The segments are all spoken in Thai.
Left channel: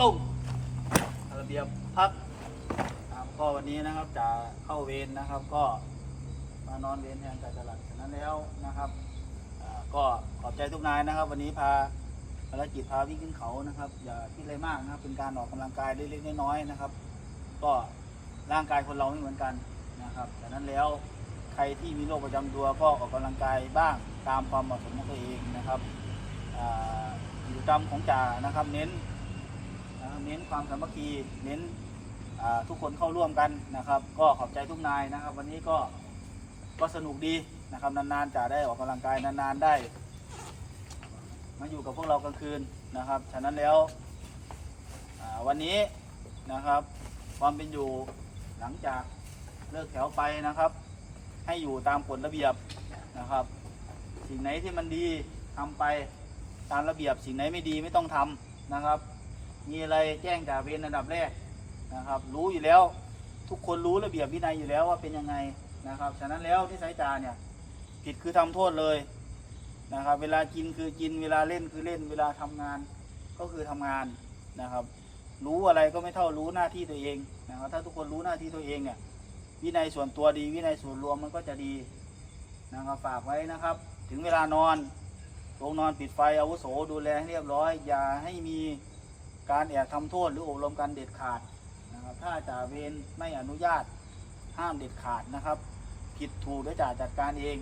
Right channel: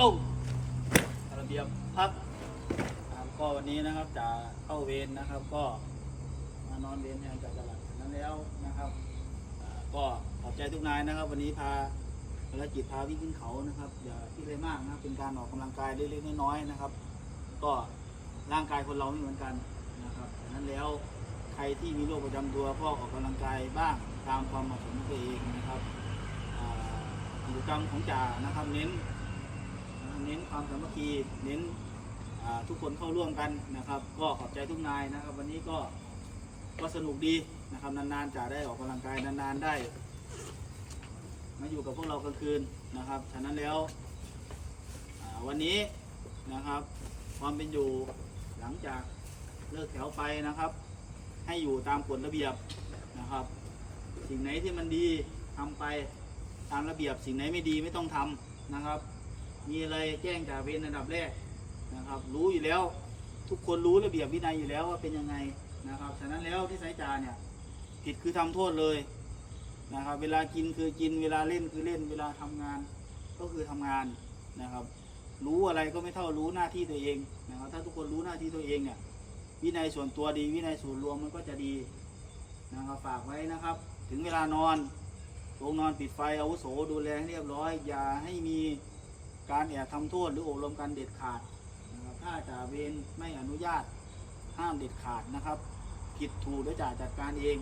ลงระเบียบพักครับก็วันนี้นะครับจะเข้าเวรนะครับ ก็มานอนเวรแทนจ่าจรัดฉะนั้นแล้วนะครับก็ขอบใจทุกนายนะครับ วันนี้พาภารกิจพาวิ่งขึ้นเขานะครับ อย่าคิดอะไรมากนะครับ เป็นการออกกำลังกายเล็กๆน้อยๆนะครับ ก็ร่างกายคนเราไม่เหมือนกันนะครับฉะนั้นแล้วใครที่มีโรคประจำตัวก็ออกกำลังกายบ้างตามความเหมาะสมของตัวเองนะครับอ่ากิจกรรมของจ่านะครับ เน้น นะเน้นความสามัคคีเน้นทุกคนเข้าร่วมกันนะครับ ก็ขอบใจทุกนายนะครับ วันนี้ก็ก็สนุกดีนะครับนานๆจะได้ออกกำลังกายนานๆได้ มาอยู่กับพวกเรากลางคืนนะครับฉะนั้นแล้ววันนี้นะครับ ความเป็นอยู่หลังจากเลิกแถวไปนะครับ ให้อยู่ตามกฎระเบียบนะครับ สิ่งไหนที่มันดีทำไปตามระเบียบสิ่งไหนไม่ดีไม่ต้องทำนะครับ มีอะไรแจ้งจ่าเวรอันดับแรกนะครับ รู้อยู่แล้วทุกคนรู้ระเบียบวินัยอยู่แล้วว่าเป็นยังไงนะครับ ฉะนั้นแล้วที่สายจ่าเนี่ยผิดคือทำโทษเลยนะครับ เวลากินคือกิน เวลาเล่นคือเล่น เวลาทำงานก็คือทำงานนะครับ รู้อะไรก็ไม่เท่ารู้หน้าที่ตัวเองนะครับ ถ้าทุกคนรู้หน้าที่ตัวเองเนี่ยวินัยส่วนตัวดี วินัยส่วนรวมมันก็จะดีนะครับฝากไว้นะครับ ถึงเวลานอนลงนอนปิดไฟอาวุโสดูแลให้เรียบร้อย อย่าให้มี การแอบทำโทษหรืออบรมการเด็ดขาดนะครับถ้าจ่าเวรไม่อนุญาตห้ามเด็ดขาดนะครับ ผิดถูกแล้วยจ่าจัดการเอง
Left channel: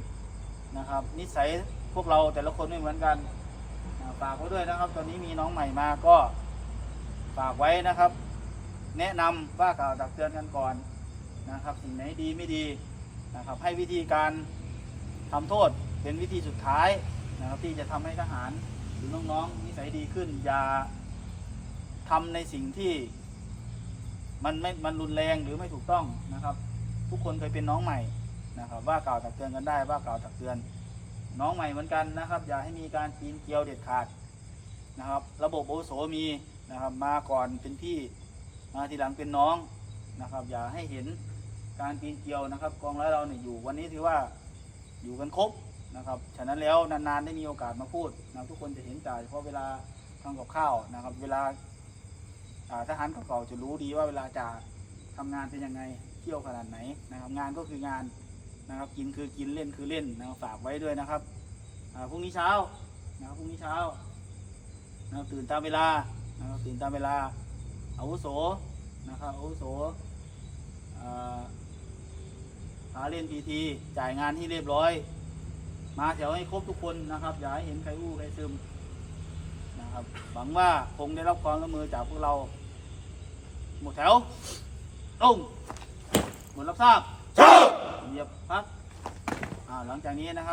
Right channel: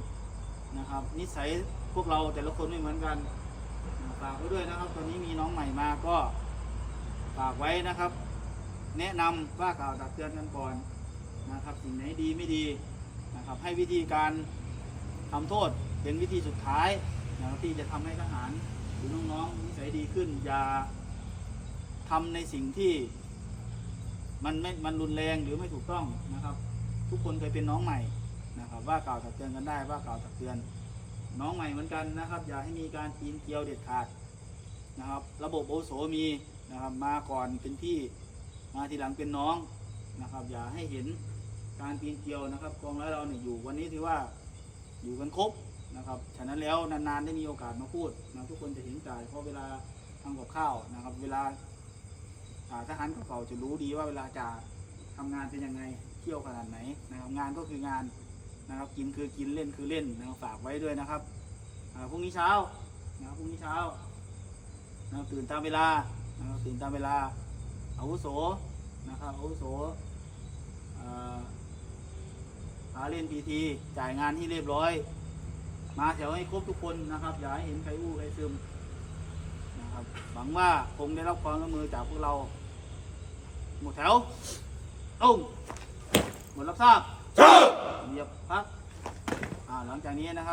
นะครับ นิสัยพวกเราแต่ละคนไม่เหมือนกันนะฝากไว้ด้วยนะครับ ตอนนี้มีน้องใหม่มาก็ฝากไว้นะครับ แนะนำว่ากล่าวตักเตือนกันก่อนนะครับ สิ่งไหนดีไม่ดีนะครับ ให้วิธีการทำโทษเป็นวิธีสุดท้ายนะครับ ที่จะทำให้ทหารหรือน้องๆนิสัยดีขึ้นอย่า ทำในสิ่งที่ มันไม่มันรุนแรงหรือไม่ถูกต้องนะครับ ทุกคนเคยเป็นน้องใหม่นะครับ ว่ากล่าวตักเตือนกันได้ว่ากล่าวตักเตือน น้องใหม่เหมือนกันนะครับ อย่าให้มีการปีนเกลียวเด็ดขาดนะครับ ระบบโอโสมีนะครับ มาก่อนเป็นพี่มาทีหลังเป็นน้องนะครับ อย่าให้เห็นการปีนเกลียวนะครับ กองร้อยเราเนี่ยอยู่วันนี้ถือว่าอยู่กันครบนะครับฉะนั้นแล้วนานๆได้มีโอกาสมาพูดนะทุกคนจะเห็นจ่ายเพราะเวลาทำกับข้าวนะครับ เวลา ทหารเก่าๆจะรู้ดีว่าเวลาจะทำงานเป็นยังไงเที่ยวขนาดไหนนะครับงานก็คืองานนะครับกินคือกินเล่นคือเล่นนะครับฝากไว้ด้วยนะครับพรุ่งนี้เช้านะครับพรุ่งนี้เช้านะครับตื่นตามเวลานะครับตื่นตามเวลาอาวุโสนะครับอาวุโสอ่าพาเล่นพีทีจ่ายงานที่เรียบร้อย มาแถวให้ครบทุกคนนะครับ อย่าให้เห็นใครอู้ใครซึมนะครับหวังว่าคงได้รับความร่วมมือจากพวกเรา หมดแถวตรงหมดรับทราบเหยียบพักอ่าหลังจากนี้นะครับ